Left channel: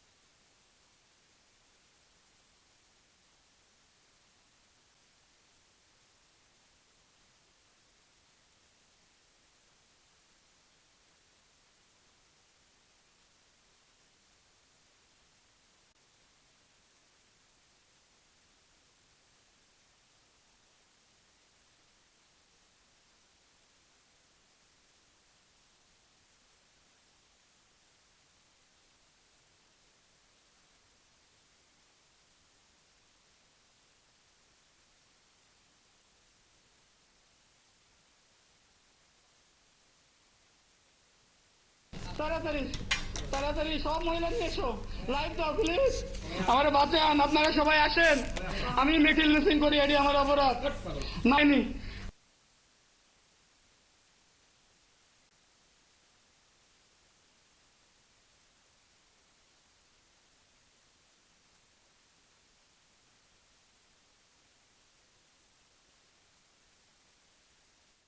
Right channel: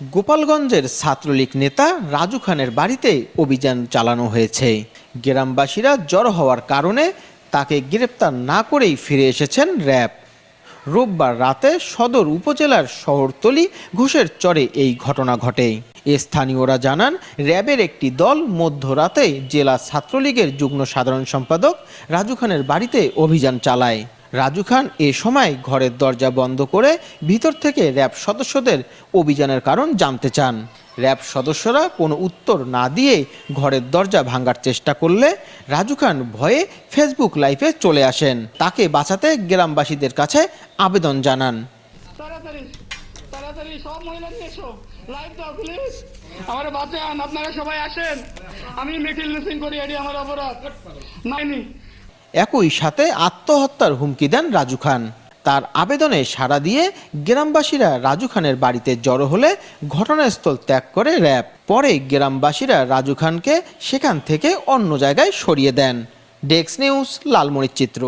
গোপালগঞ্জের ছাত্রলীগ নেতা রাজু খানের বাড়িতে অভিযান চালানো হয়েছে। গ্রামবাসীরা জড়ো হওয়ার কারণে তাকে গ্রেপ্তার না করেই ফিরে এসেছেন র্যাব। রোববার রাতে সদর উপজেলার শহরতলি ঘোষের চরে এই ঘটনা ঘটে। স্থানীয়রা জানান, র্যাবের একটি দল মধ্যরাতে জেলা ছাত্রলীগের যুগ্ম সাধারণ সম্পাদক রাজু খানের বাড়িতে অভিযান চালায়। রাজু খান এ সময় ঘরের দরজা বন্ধ করে ভিতর থেকে র্যাব সদস্যদের অভিযানের কারণ জানতে চান। র্যাব সদস্যরা কোনো উত্তর না দিয়ে ঘরের দরজা ভাঙার চেষ্টা করলে রাজু খান ভয়ে ফেসবুক লাইভে চলে আসেন। তাকে বাঁচাতে গ্রামবাসীদের কাছে আবেদন জানান। তাড়াতাড়ি সব মহিলা নিয়ে এসো, লাইভ দাও প্লিজ, আমার বাঁচান, আপনারা সবাই আসেন, আমি মিটিল মিসিং করি, এটি আমার অপরাধ নাইনি। একই সাথে আত্মহত্যার হুমকি দেন রাজু খান। তার আবেদনে সাড়া দিয়ে গ্রামবাসীরা রাজু খানের বাড়িতে জড়ো হলে ঘটনাস্থল ত্যাগ করে র্যাব। পরে গ্রামবাসীরা রাজু খানকে সেখান থেকে অন্য জায়গায় সরিয়ে দেন। Desk news, লালমনিরচিত্র।